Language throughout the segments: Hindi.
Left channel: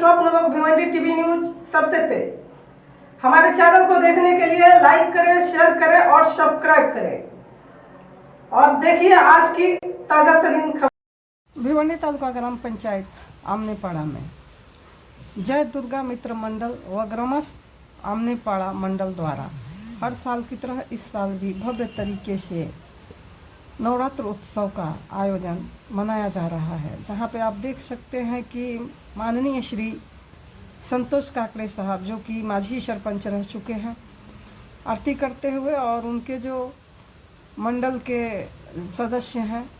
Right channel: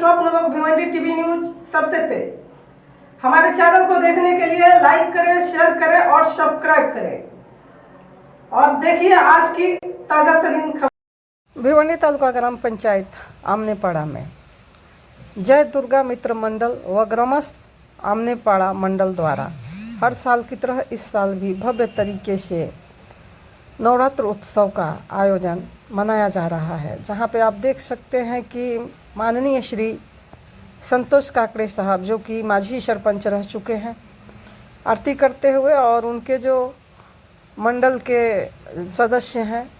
लोक भिवंडी टीवी न्यूज़ सबसे तेज। हमारे चैनल को देखने के लिए लाइक करें, शेयर करें और सब्सक्राइब करें। और देखिए आज की ताज़ा तरीन खबर। भिवंडी तालुका ग्राम पंचायत आमने आमनेपाड़ा में जय दुर्गा मित्र मंडल व ग्रामस्थ आमने आमनेपाड़ा मंडल द्वारा हर साल की तरह इस साल भी भव्य तरीके से नवरात्र उत्सव का आयोजन मनाया जा रहा है, जहाँ पे आप देख सकते हैं कि माननीय श्री संतोष काकड़े साहब, जो कि माझी सरपंच रह चुके हैं, आरती करते हुए और उनके जो मंडल के सदस्य हैं,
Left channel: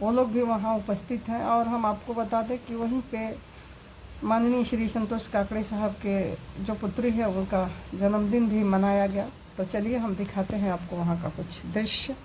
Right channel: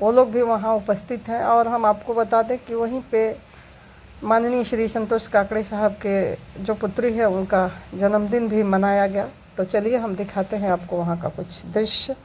वो लोग भी वहाँ उपस्थित हैं। और हम आपको बता दें कि वहीं पे माननीय श्री संतोष काकड़े साहब के जो पुत्री है, उनका जन्मदिन भी मनाया गया। तो चलिए, हम दिखाते हैं आपको वहाँ का कुछ दृश्य।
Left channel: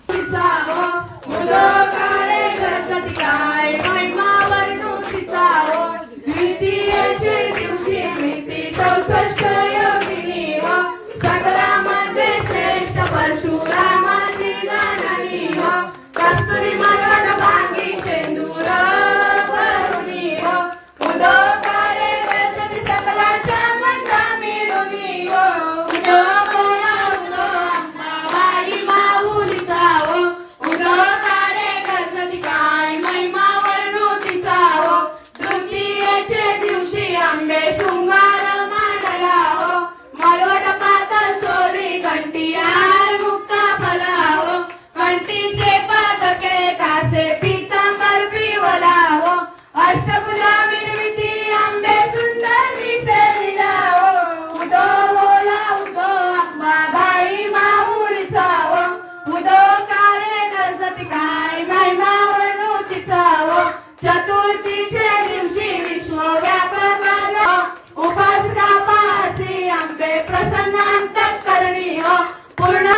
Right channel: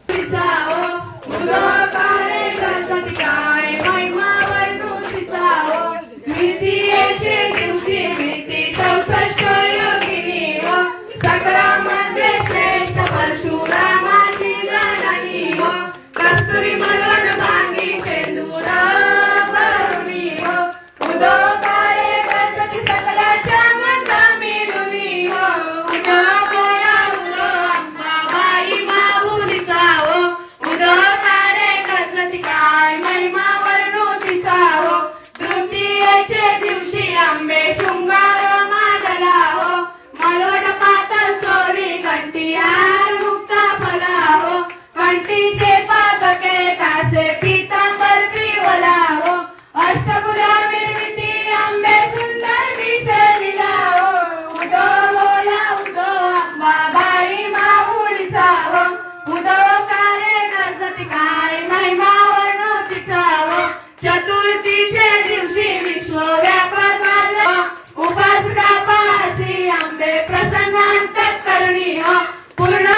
கருணியோ குருணா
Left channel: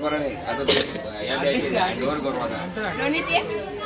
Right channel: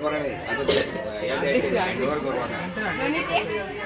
બરોબર હવે આ તો યાદ આવી ગયું બરોબર